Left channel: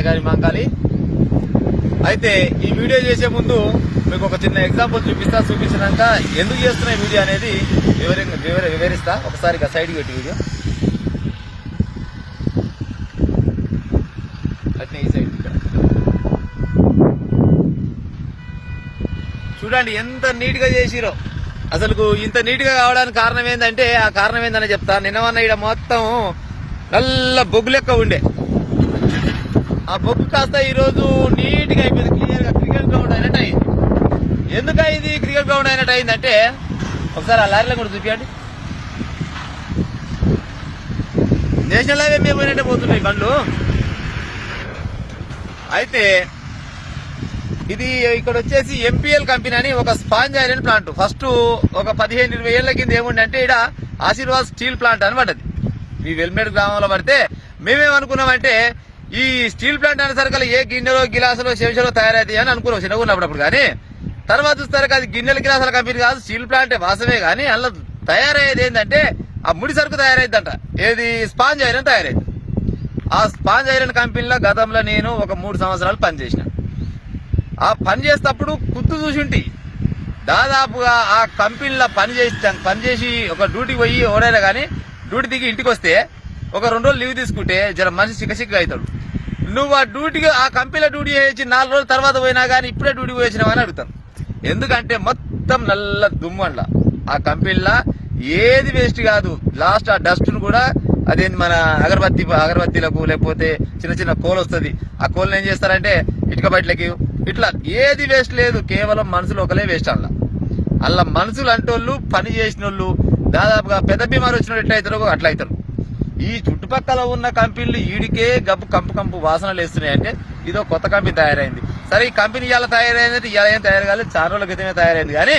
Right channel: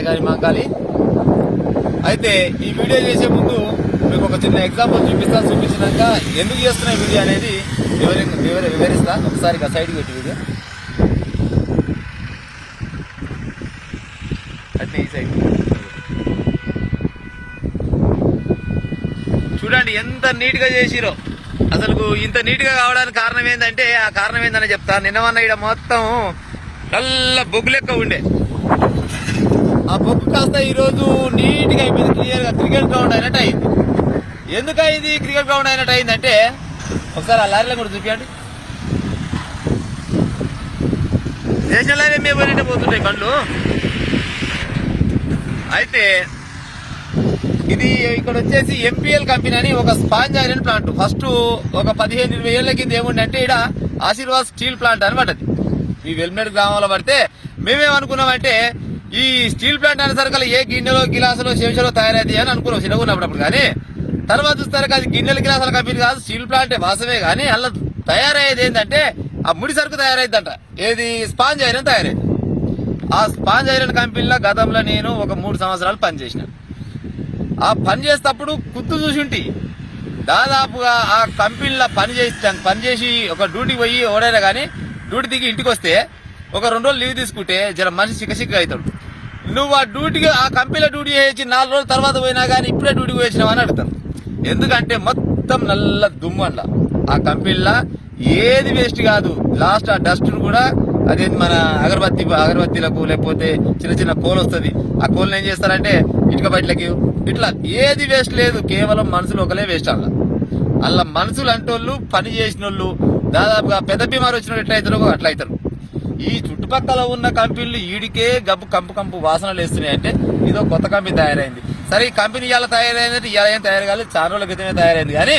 అడగాలి మంగాలి. అయితే ఈ వీడియో చేసే ముందు మీకు ఒక చిన్న ఎగ్జాంపుల్ చూపించినాక ఎందుకు చేస్తున్న వీడియో అనేది వివరిస్తా. ఒకసారి సైడ్కి పెట్టి వీడియో అయితే ఈ సైడ్ చూడండి ఎంత నీట్ గా చేసిరో. అసలు ఇంత నీట్ గా కావడానికి కారణం ఏంటంటే ఆ కారణం ఏందని చెప్తా. నిన్నమన్న ఇక్కడ మొత్తం నల్ల బొగ్గు లెక్క ఉండే, ఆ బొగ్గు కాస్త ఈ రోజు నీట్ గా అయిపోయింది, క్లియర్ గా క్రికెట్ గ్రౌండ్ అయినట్టు అయింది. ఎందుకు అయింది క్రికెట్ గ్రౌండ్ అయినట్టు అయిందంటే ఒకసారి ఆ లారీలో కూడా చూపించండి. నేషనల్ హైవే మీద పోయినట్టే పోతున్నాయి బండ్లు. అయితే ఇది ఇక్కడ వచ్చేసి ఎంపీఎల్ కంపెనీ అని ఒక స్పాంజ్ ఐరన్ ప్లాంట్. ఫస్ట్ ఒక 15-20 ఏళ్ల కింద ఏముండే అంటే ఇక్కడ ఆశీర్వాద్ స్టీల్ ప్లాంట్ అని పడ్డది. ఈ వెల్మేడ్ గ్రామంలో పడితే మేమేమనుకున్నామంటే ఈ స్టీల్ ప్లాంట్ అనేసరికి ఏ గిన్నెలో గిలాసులో శేషలో తయారైంది అని అనుకున్నాం చిన్నగా ఉన్నప్పుడు. కానీ తర్వాత చూస్తారు అది గిన్నెల గిలాసుల కంపెనీ కాదు, స్టీల్ ప్లాంటే వాసమే. కానీ అలా తయారయ్యేది ఏంటంటే ఆ ముడి సరుకు తయారైందంట. ఏది స్పాంజ్ ఐరన్ తయారైంది. ఆ స్పాంజ్ ఐరన్ కంపెనీలో గతంలో నేను ఒక 3 సంవత్సరాలు పనిచేసిన. ఆ పని చేసేటప్పుడు కుత్తు చూసింటి దాదాపుగా ఆ కంపెనీలో పనిచేసి ఒక డ్యూటీకి పోయి ఎవరైనా కానీ డ్యూటీ దిగి ఇంటికి వస్తే ఒక 2 రోజులు లీవ్ తీసుకుంటే జర మనిషి సిక్కసిక్క అవుతాడు. నువ్వు ఆ డ్యూటీకి ఆ కంపెనీలో డ్యూటీ చేసి 4 రోజుల తర్వాత పోయినా కానీ ఇప్పుడే డ్యూటీకి వచ్చినావు అని అడుగుతాను. ఎందుకంటే మొత్తం నల్ల దుమ్ము అండ్ల ఆ కంపెనీలో ఏది వేస్ట్ కాదు. లాస్ట్ ఆ డస్ట్ ను కూడా అదేంటి మన అగరబత్తీలకు లేకపోతే చిన్న చిన్న కోల్ వస్తుంది. ఆ కోల్ని ఏం చేస్తారంటే ఇటుక బయటలకి ఇట్లా ఏది వేస్ట్ లేదు. కేవలం మనుషులు ఒకలే వేస్ట్ అలా మనుషులు అంటోళ్ళు పని చేసిన వాళ్ళు దాదాపుగా పెద్ద బీమారు వచ్చిన ఎట్లయితారో అట్లా అవుతారు. ఈ చుట్టుపక్కల ఉన్న కంపెనీలు ఈడికే గబ్బు కంపు వాసనలు వేస్తున్నాయి. అంటే ఇదో కొత్త కంపెనీ తయారైంది. సరే ఈ కంపెనీ ఇలా తయారైందంటే ఇలా ఏం తయారు కాలేదు, చాలా రోజుల క్రితమే తయారైంది. కానీ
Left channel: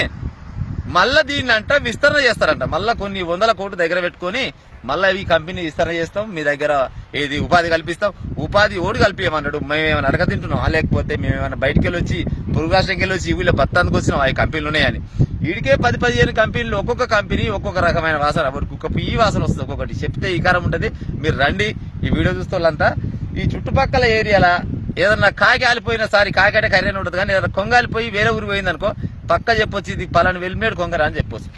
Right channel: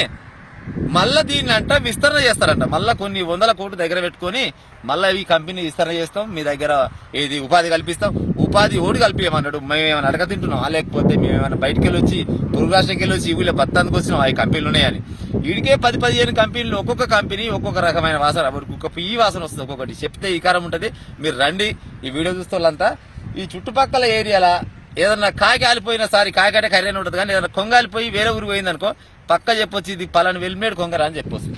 మళ్ళా దీన్ని అంట విస్తరణ చేస్తారంట. మళ్ళా కొన్ని 100 కోట్లు దగ్గర పెట్టుకుని మళ్ళా ఈ కంపెనీ విస్తరణ చేస్తాం, మీ దగ్గర ఏది ఉపాధి కల్పిస్తాం. ఉపాధి ఓడి కల్పించమన్నాడు. మేమేమైనా అడగ తింటున్నాం లేకపోతే మేమేమైనా బయటకు వెళ్ళొచ్చి పొరుగు రాష్ట్రంకి వెళ్ళొచ్చి వీళ్ళ బత్తానికి వచ్చినాం ఆ కంపెనీలు ఉన్నాయని. వీడికే 10-15 కంపెనీలు ఒక్కొక్క కంపెనీ ఒక్కొక్క రకమైన వాసన, ఒక్కొక్క ఈ వాసన వస్తుంది. ఒక్కొక్కటి చెప్తే ఈ కారం ఉంటుంది. మీరు రండి ఈ వీడియో చూస్తే వాళ్ళంతా ఈ చుట్టుపక్కల ఏరియాలా ఏదన్నా కాకి ఆలిపోయినా కాకంటే ఖరీదైన ఉంటుంది. కానీ ఏదైనా కొంగాలిపోయి వేరే ఊరికి పోయిందనుకో పక్క చెప్పొచ్చు ఇది పలానా వెల్మేడ్ కొంగరా అని చెప్పొచ్చు.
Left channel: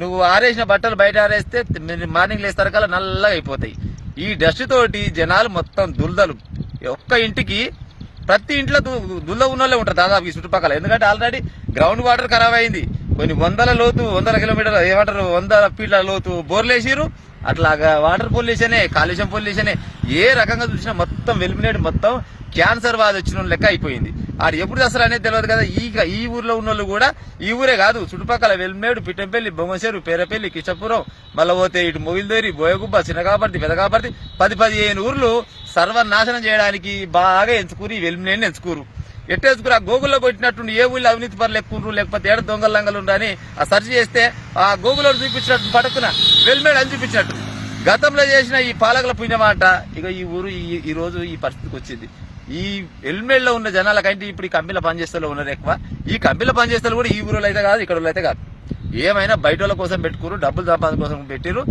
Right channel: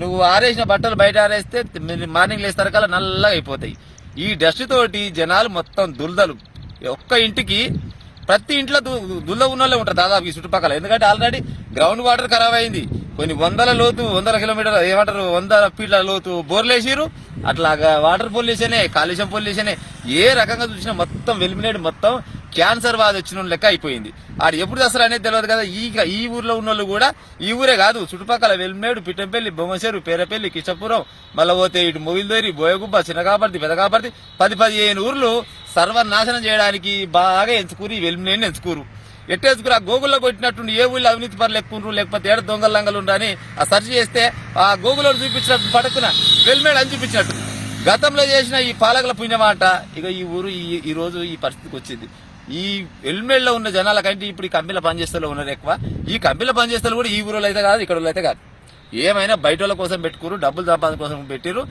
నువ్వు ఆరేసిన బట్టలు బయట ఆరేస్తే మార్నింగ్ లేస్తారు కల్లా నల్లగా అయిపోతాయి. ఈ డస్ట్ తోటి జనాలు మొత్తం దుల్దలు. ఒక్క ఇంటికి ప్రతి ఇంట్లో దుల్ల ఉన్నోళ్ళే ఉంటారు దాదాపు ఈ చుట్టుపక్కల. ఎందుకంటే ఆల్రెడీ గ్రౌండ్ వాటర్ ఖరాబ్ అయింది. కొన్ని 100 కిలోమీటర్లు ఏమంటారు 100 ఫీట్ల లోతు బోర్లేసిరు. అట్లాగా వాటర్ పొల్యూషనే, కాలుష్యం పొల్యూషనే. ఏ రకంగా చూసినా మొత్తం వెల్మినేడు మొత్తం క్యాన్సర్ బాధ వచ్చిన లెక్క అయిపోయింది. ఆడు ఎప్పుడు అసలు అనేది తెలియదు కదా. ఈ ఊర్లో ఉన్న వాళ్ళు కూడా ఈ ఊరే కాదు చుట్టుపక్కల వెల్మేడు, పిట్టంపల్లి, బొమ్మసేరు, పేరపల్లి, కిష్టపురం, మళ్ళీ పోతే ఇటు మొగిల్దేరి, బోయగుబ్బ, చిన్నకాపర్తి, పెదకాపర్తి 10-15 ఊర్లు సర్వనాశనం చేయడానికి బాగా ఎంచుకూరు ఈ వెల్మినేడిని ఎంచుకూరు. ఎట్టేసుకురు ఆ గోగుల్లో కొట్టినట్టుండి ఏ ఊళ్ళో అవినీతి పనులు ఎక్కువ లేకపోతే ఏడ దొంగల లంగలు ఉండని ఆ సెర్చ్ చేస్తే ఆ గోగులో చూపించినట్టు పడుకున్న వెల్మేడ్ అని చూపించినట్టు గతంలో చేసిన ఈ పాలకుల పుణ్యమాట. ఇక ఈ ఊరు ఈ రోజు ఈ పరిస్థితికి వచ్చింది. ఈ వెల్మేడ్ లో ఉన్న జనాల కంటే ఇప్పుడు ఈ కంపెనీలో పనిచేస్తూ ఉన్నారు ఎక్కువ. ఈ కంపెనీలో పనిచేస్తే కూడా ఈ ఊరిలో అయితే కాదు, ఇక్కడ అయితే కాదు. ఏమైనా బయట వాళ్ళ కోసం పెట్టుకురు, డబ్బులు సంపాదన కోసం పెట్టిరు.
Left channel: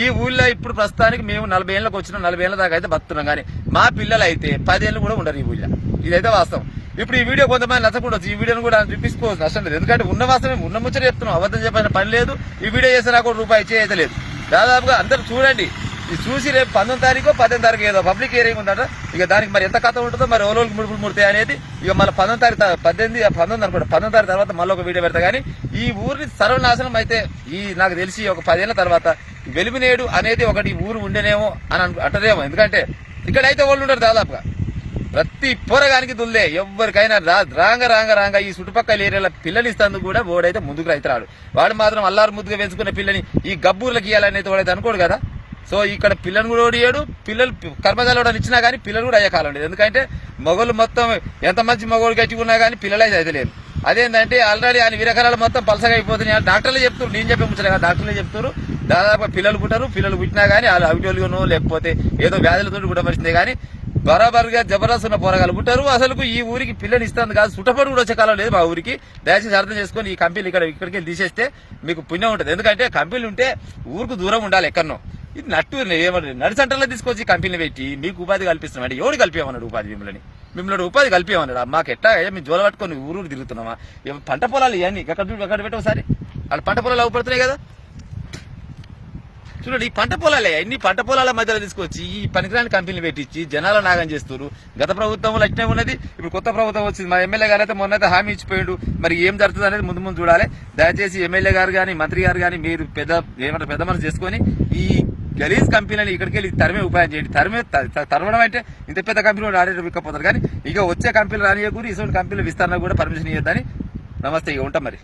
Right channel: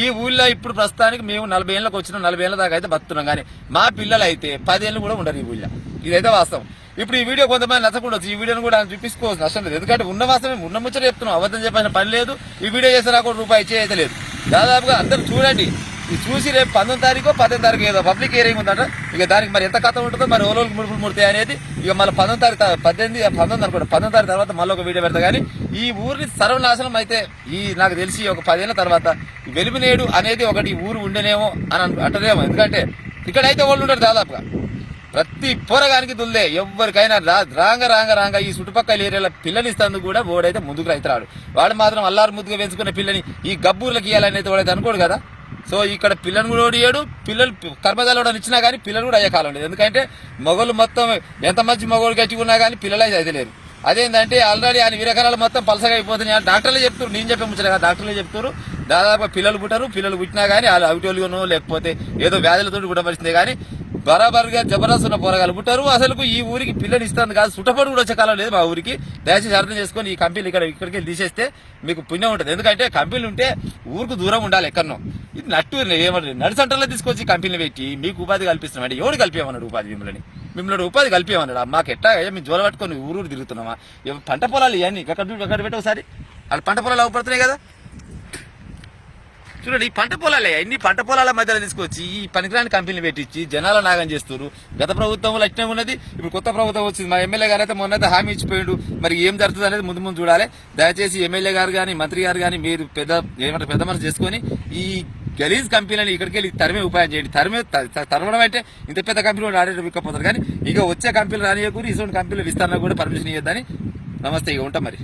ఈ ఊళ్ళో ఇప్పుడు ప్రస్తుతానికి మేము 40 ఏళ్ళకి వచ్చినాం, 40 ఏళ్ల దాకా అయితే బతున్నాం. కానీ మా పిల్లలు అయితే 10 ఏళ్ళు కూడా ఉండరు ఈ ఊళ్ళో. ఇదైతే వాస్తవం. ఇప్పుడు ఈ వీడియో కొంతమంది నచ్చకుండా ఈ వీడియోను కూడా చూపించుకోవచ్చు, నష్టం లేదు. ఎందుకంటే ఉన్న వాస్తవమే, ఉన్న ముచ్చట చెప్తున్నాం, అబద్ధం చెప్పిన పని లేదు. ఈ వీడియో చేస్తే నాకు రూపాయి ఇచ్చే లేదు. దాదాపుగా అందరూ చూడండి. ఇది చూసి రేపు 19 తారీఖు 18 తారీఖు ఏదో పబ్లిక్ హియరింగ్ ఉందంట. ఇక దానికి మరి ఎంత కథ ఉంటుందో, మరి ఓలోకి ముడుపులు ముడతాయి అనేది ఇక మళ్ళీ 19 తారీఖు 19 అనుకోండి 19 తారీఖు తర్వాత మళ్ళీ ఒక వీడియో పెడతా. కానీ ఈ ఊరిని సర్వనాశనం అయితే నాకు తెలిసి ఒక 10 ఏళ్ల తర్వాత వెలుమినేడు అనేది ఒకటి ఊరు ఉండేనేమో అని అంటదేమో. ఎందుకంటే ఇక్కడైతే వాళ్ళు ఉంటారు దాదాపుగా ప్రతి పోరగానికి దుల్దే. ఎవరికైనా రాంగ ఈ చుట్టుపక్కల ఏరియాల పిల్లనిస్తందుకు కూడా ఓడైతే ముందుకు రైతురాడు. వాడు మాత్రం అల్లారు ముద్దుగా పెంచుకున్న పిల్లని ఈ గబ్బూర్లకి ఇవ్వాలనేది వాడైతే అనుకోడు కదా. సో ఇక్కడ పిల్లని కూడా ఓడియాడు. పిల్లలు కర్మజాలు ఇచ్చినా కానీ పిల్లలు కూడా అయ్యే కాలం లేదు. ఎందుకంటే మొగలు మొత్తం ఎంత మంచి మొగోళ్ళు గట్టిగా కానీ పిల్లలు అయితే లేరు. అదేంటంటే ఆల్రెడీ ఆయన విరకరాలు మొత్తం పలసగా అయిపోతున్నాయి. డాక్టర్లు చెప్తారు, నేను చెప్పే ముచ్చట కదా, డాక్టర్లు చెప్తారు. దాదాపు పిల్లలు పుట్టారు. పిల్లలు పుట్టినా కానీ వాళ్ళు అవిటోలుగానో లేకపోతే ఏదో వ్యాధులతో పుట్టవలసిందే. కానీ బరాబర్గా జబర్దస్త్ ఉన్న పోరగాలు పుట్టారు. అసలు ఈ ఊరికి పిల్లని ఇస్తుంది కాదు, సుట్టపడి కూడా వచ్చే కాలం లేదు మా ఊరికి. దయచేసి అర్థం చేసుకొని ఈ కంపెనీలు ఇక్కడికి తీసేస్తే మీకు పుణ్యం ఉంటుంది. ఎందుకంటే కంపెనీలు ఉంటే ఊరికి దూరం ఉండాలి ఎక్కడనో. ఇది నట్టు ఏమంటారు నడిసంటలో తీసుకొచ్చి కంపెనీలు పెట్టి మీకు ఉపాధి కల్పిస్తున్నాం అంటే ఎవరు కలిపేమన్నాడు ఉపాధి మిమ్మల్ని ఉపాధి కలిపేమన్నాడు. మాకు ఎట్టా మేము జ్వరం పట్టుకొని ఊరు తిరుగుతున్నామా? పంట పొలాలు ఇవన్నీ అక్కడ పెట్టి ఒకసారి అక్కడ పంట పొలాలు అవ్వబడుతున్నాయి కదా. చూడండి, ఈ పంట పొలాలే ఇన్ని పంట పొలాల మధ్యలో తీసుకొచ్చి ఈ పనికిరాని కంపెనీలు పెట్టించి జనాల నాగం చేస్తారు. గత ప్రభుత్వంలో అట్నే ఉన్నది, ఇప్పుడు కొత్త ప్రభుత్వం వచ్చింది. మా ఎమ్మెల్యే గారు అయితే మొన్నైతే హామీ ఇచ్చిపోయాడు. మరి ఏం జరుగుతుంది అనేది ముందు చూడాలి. దయచేసి ఎమ్మెల్యే గారు కానీ మంత్రి గారు కానీ మీరు పెద్ద మనసు చేసుకొని ఈ గలీజ్ కంపెనీలను ఇక్కడికి వెళ్ళి తరిమే ఉపాయం చేయండి. తరవడం అంటే ఇంత పెద్ద కంపెనీలు ఆడేట విక్కపోతారు. కానీ ఇక వచ్చే కంపెనీలు రానియకూరి ఇటువంటి కంపెనీలు విస్తరణ కూడా పర్మిషన్ ఇవ్వద్దని. నమస్తే, ఇక ఉంటాం మరి.